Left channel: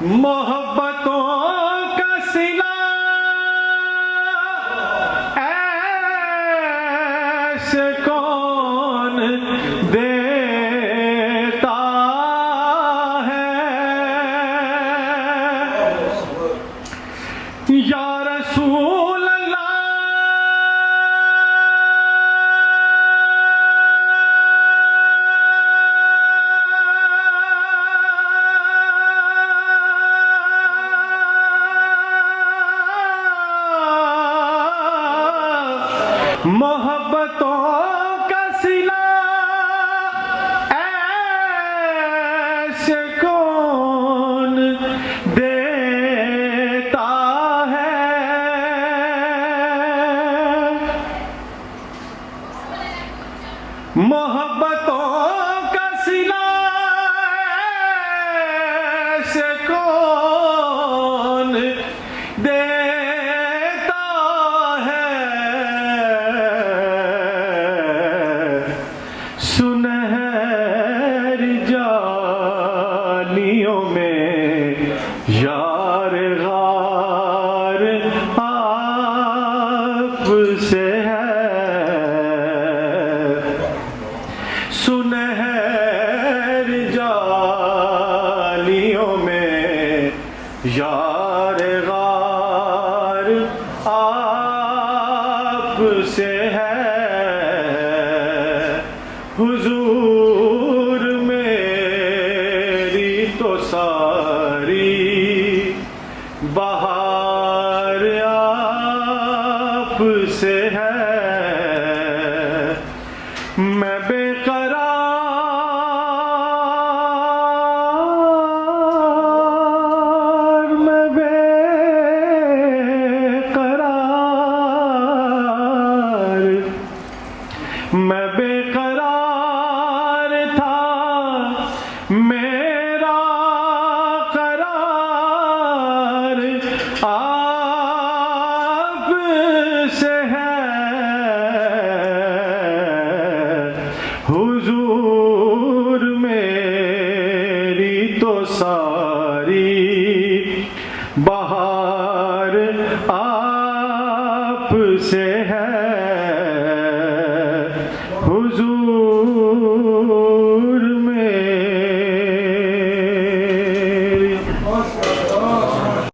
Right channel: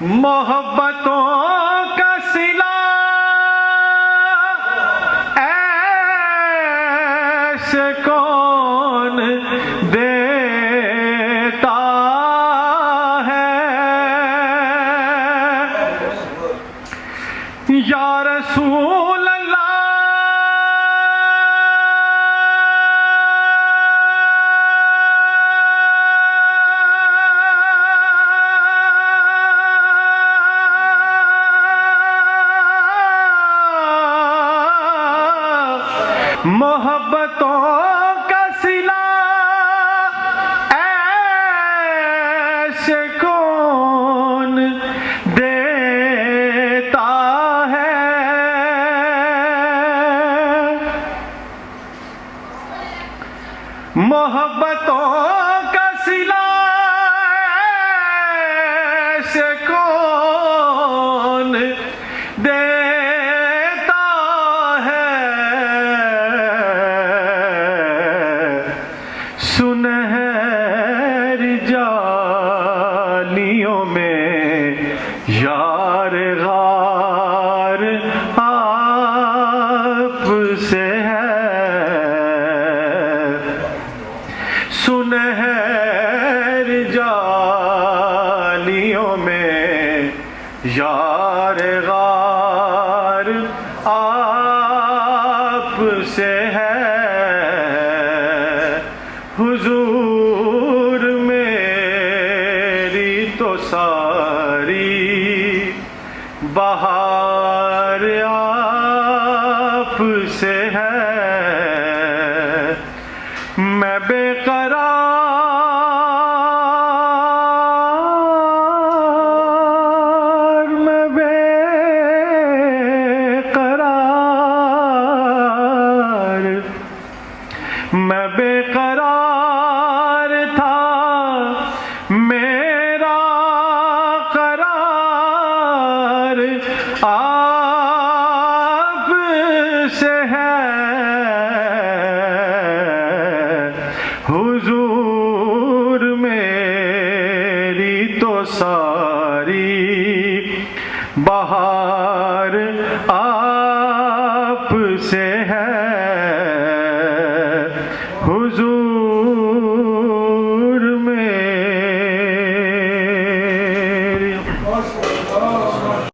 محبتوں کا صلہ ایسے کون دیتا ہے یا رسول اللہ محبتوں کا صلہ ایسے کون دیتا ہے محبتوں کا صلہ ایسے کون دیتا ہے سنہری جالیوں میں یار غار آپ سے ہے سنہری جالیوں میں یار غار آپ سے ہے حضور میری تو ساری بہار آپ سے ہے میں بے قرار میں بے قرار میں بے قرار تھا میرا قرار آپ سے ہے حضور میری تو ساری بہار آپ سے ہے